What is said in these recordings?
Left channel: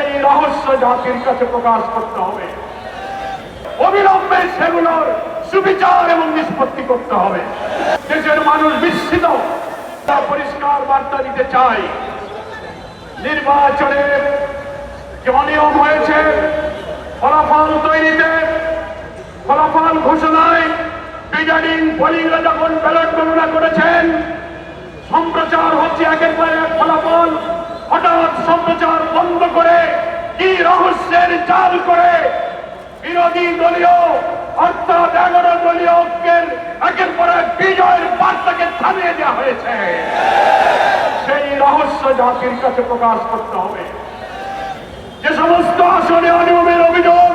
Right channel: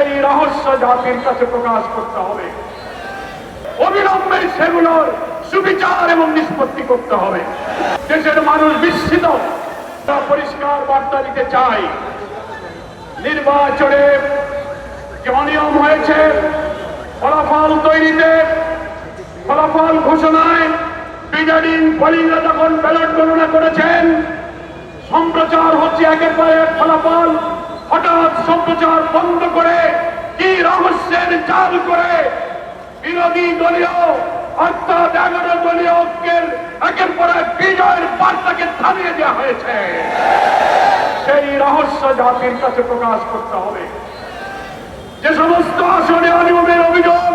সেই রহস্য জাতির কাছে প্রকাশ করতে হবে। অবিলম্বে সেগুলোর সুবিচার এবং নিষ্পত্তি করতে হবে। দেশের মানুষ বিস্মিত। পরিষ্কার বার্তা দিতে চাই, নির্বাচনে যে অনিয়ম হয়েছে, ফলাফল তৈরিতে, ফলাফল ঘোষণায়, প্রিজাইডিং পোলিংরা যখন ব্যালট গণনা করেছেন, সম্প্রচার হচ্ছে একের পর এক ফলাফল। হঠাৎ সম্প্রচার বন্ধ করে কি রহস্যের জাল করে বিরোধী দলীয় অর্থাৎ 11 দলীয় ঐক্যের একের পর এক বিজয়ের বার্তাকে থামিয়ে দেওয়া হয়েছে। সেই রহস্য জাতির কাছে প্রকাশ করতে হবে। যে সমস্ত আসনে অনিয়মের অভিযোগ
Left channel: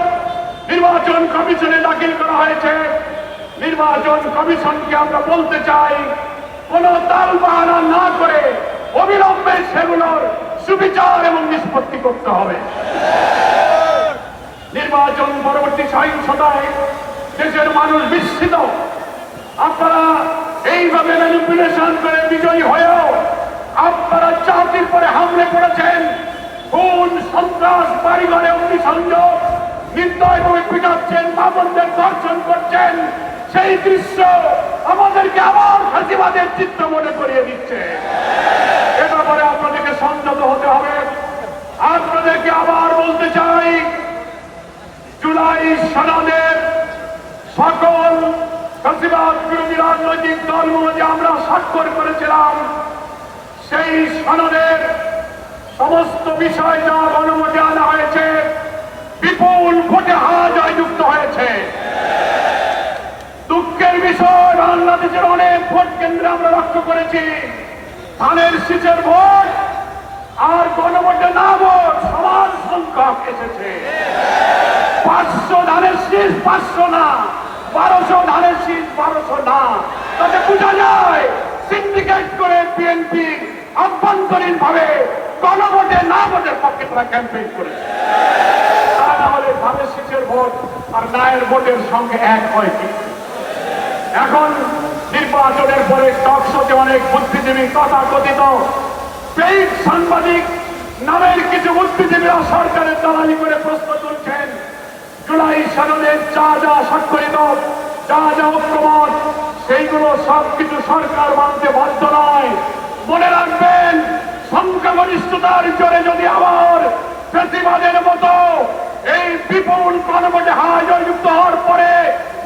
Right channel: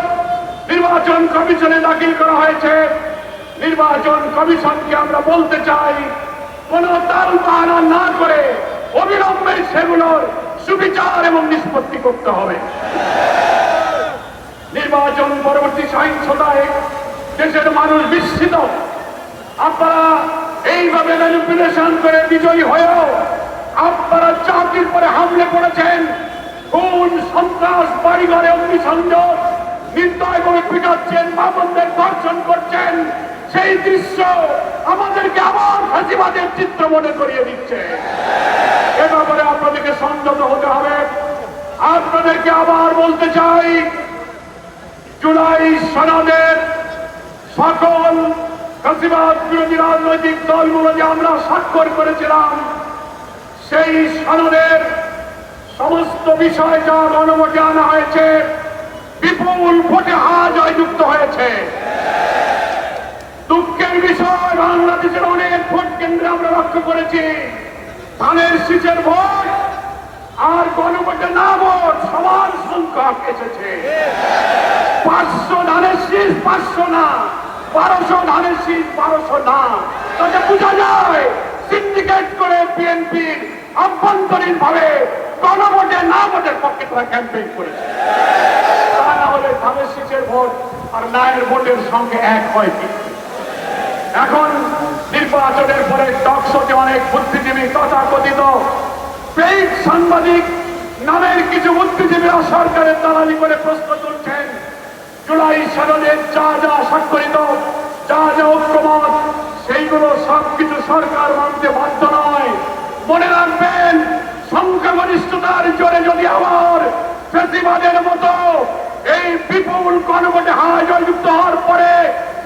নির্বাচন কমিশনে দাখিল করা হয়েছে, নির্বাচন কমিশনকে আমরা বলতে চাই, কোন তালবাহানা না করে অবিলম্বে সেগুলোর সুবিচার এবং নিষ্পত্তি করতে হবে। নির্বাচন পরবর্তী সহিংসতায় দেশের মানুষ বিস্মিত। আপনারা এইভাবে ম্যানিপুলেশন করে বিজয়ী হয়েও আপনারা জাতির পরে হামলে পড়েছেন, খুন সন্ত্রাস, বাড়িঘরে অগ্নিসংযোগ, নির্দয়ভাবে পিটাচ্ছেন, মামলাদের ধর্ষণ করছেন। সেই দৃশ্য আমাদেরকে আবার ফাঁসিবাদের চিত্র মনে করিয়ে দিচ্ছে। এ ব্যাপারে আপনাদেরকে সংযত হতে হবে। আপনাদেরকে আবার বলতে চাই, জুলাই সনদের সকল ফাঁসিবাদ বিরোধী রাজনৈতিক দলগুলো যে আমরা স্বাক্ষর করেছিলাম, সেই সনদের সমস্ত বিষয় যা গণভোটে আনা হয়েছে, বিপুল ভোটে হার জয়যুক্ত হয়েছে। দুঃখের বিষয়, বাংলাদেশের অনেক ভোট কেন্দ্রে আমরা লক্ষ্য করেছি ধানের শীষের ভোট আর গণভোটে না ভোট সমান সংখ্যক এসেছে। 500 ধানের শীষ 500 না, 1200 ধানের শীষ 1200 না। তাতে বোঝা যায় সিন্ডিকেট করে বিএনপি আভ্যন্তরীণ ভাবে গণভোটে না ভোটের পক্ষে তারা ক্যাম্পেইন করেছে। তা না হলে ধানের শীষের ভোট আর নায়ের ভোটের সঙ্গে এক হয়। এখন নির্বাচনের পরে টকশোতে অনেক বুদ্ধিজীবী, তথাকথিত পেইড সাংবাদিক নামের কিছু বুদ্ধিজীবীরা সরকারের দালালি করে প্রশ্ন তুলছেন, জুলাই সনদের যা যা স্বাক্ষরিত, যা যা ঐক্যমত, সেইগুলো সবকিছু সরকার মানতে বাধ্য নয়। মনে রাখবেন, সংখ্যাগরিষ্ঠতার জোরে যদি আবার ফ্যাসিবাদের মতো এই বিপুল গণভোটে হার জয়যুক্ত হওয়ার পরে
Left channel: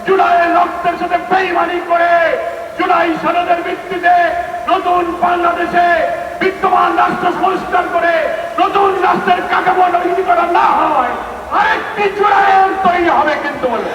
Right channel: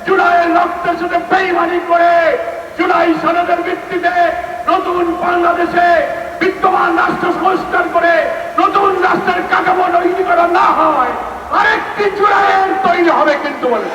জুলাইয়ের রক্তের সাথে বেইমানি করে জুলাই সনদের ভিত্তিতে নতুন বাংলাদেশে বিদ্যমান রাষ্ট্র সংস্কার করে নতুন রাষ্ট্রের কাঠামো তৈরি করা না হয়, আরেকটি জুলাইয়ের তৈরি হবে কিন্তু বলে।